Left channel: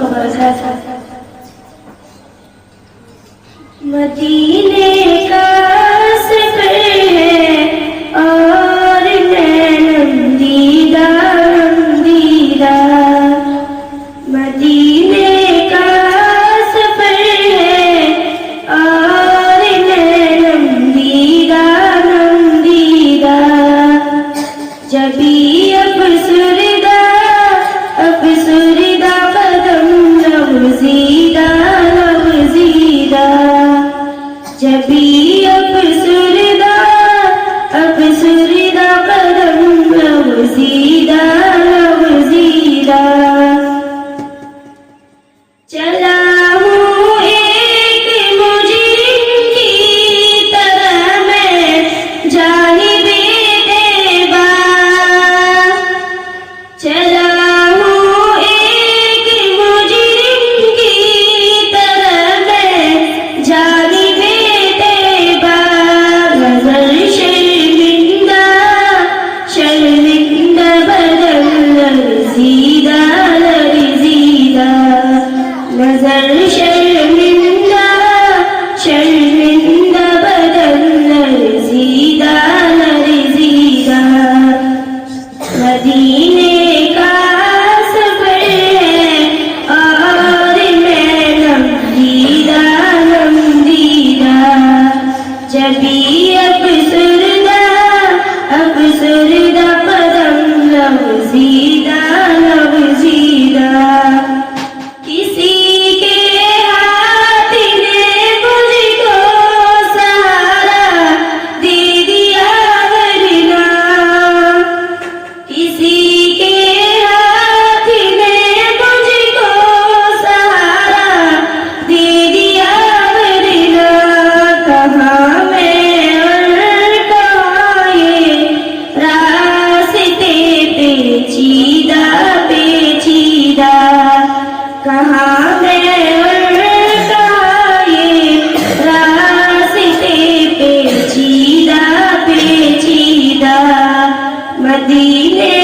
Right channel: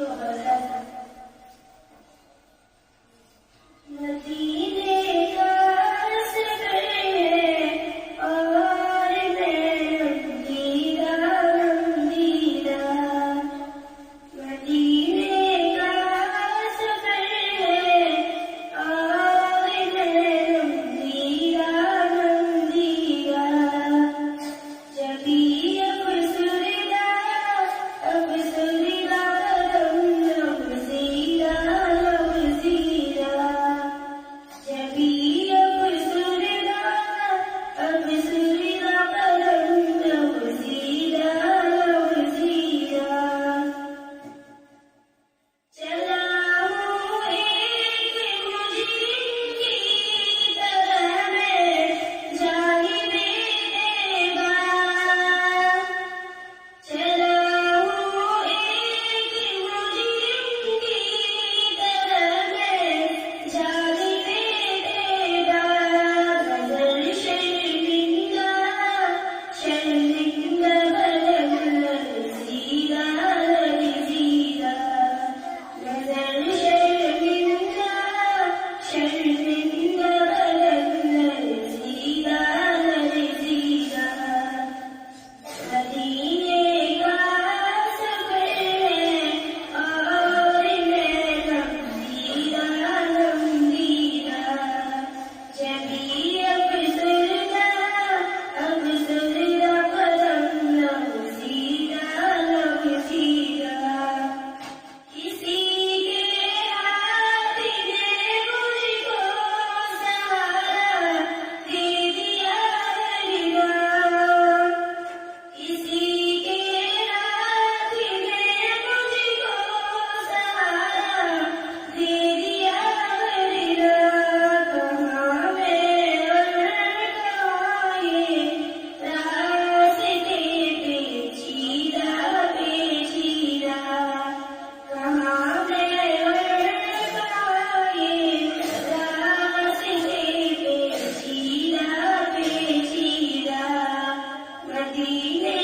وبركاته. مدینے کا سفر ہے اور میں نندیدہ نندیدہ. مدینے کا سفر ہے اور میں نندیدہ نندیدہ. جبھی افسردہ قدم لغزیدہ لغزیدہ. جبھی افسردہ قدم لغزیدہ لغزیدہ. چلا ہوں ایک مجرم کی طرح میں جانب دیبا. چلا ہوں ایک مجرم کی طرح میں جانب دیبا. نظر شرمندہ شرمندہ بدن لرزیدہ لرزیدہ. نظر شرمندہ شرمندہ بدن لرزیدہ لرزیدہ. مدینے کا سفر ہے اور میں نندیدہ نندیدہ. جبھی افسردہ قدم لغزیدہ لغزیدہ. کسی کے ہاتھ نے مجھ کو سہارا دے دیا ورنہ. کسی کے ہاتھ نے مجھ کو سہارا دے دیا ورنہ. کہاں میں اور کہاں یہ راستے پیچیدہ پیچیدہ. کہاں میں اور کہاں یہ راستے پیچیدہ پیچیدہ. مدینے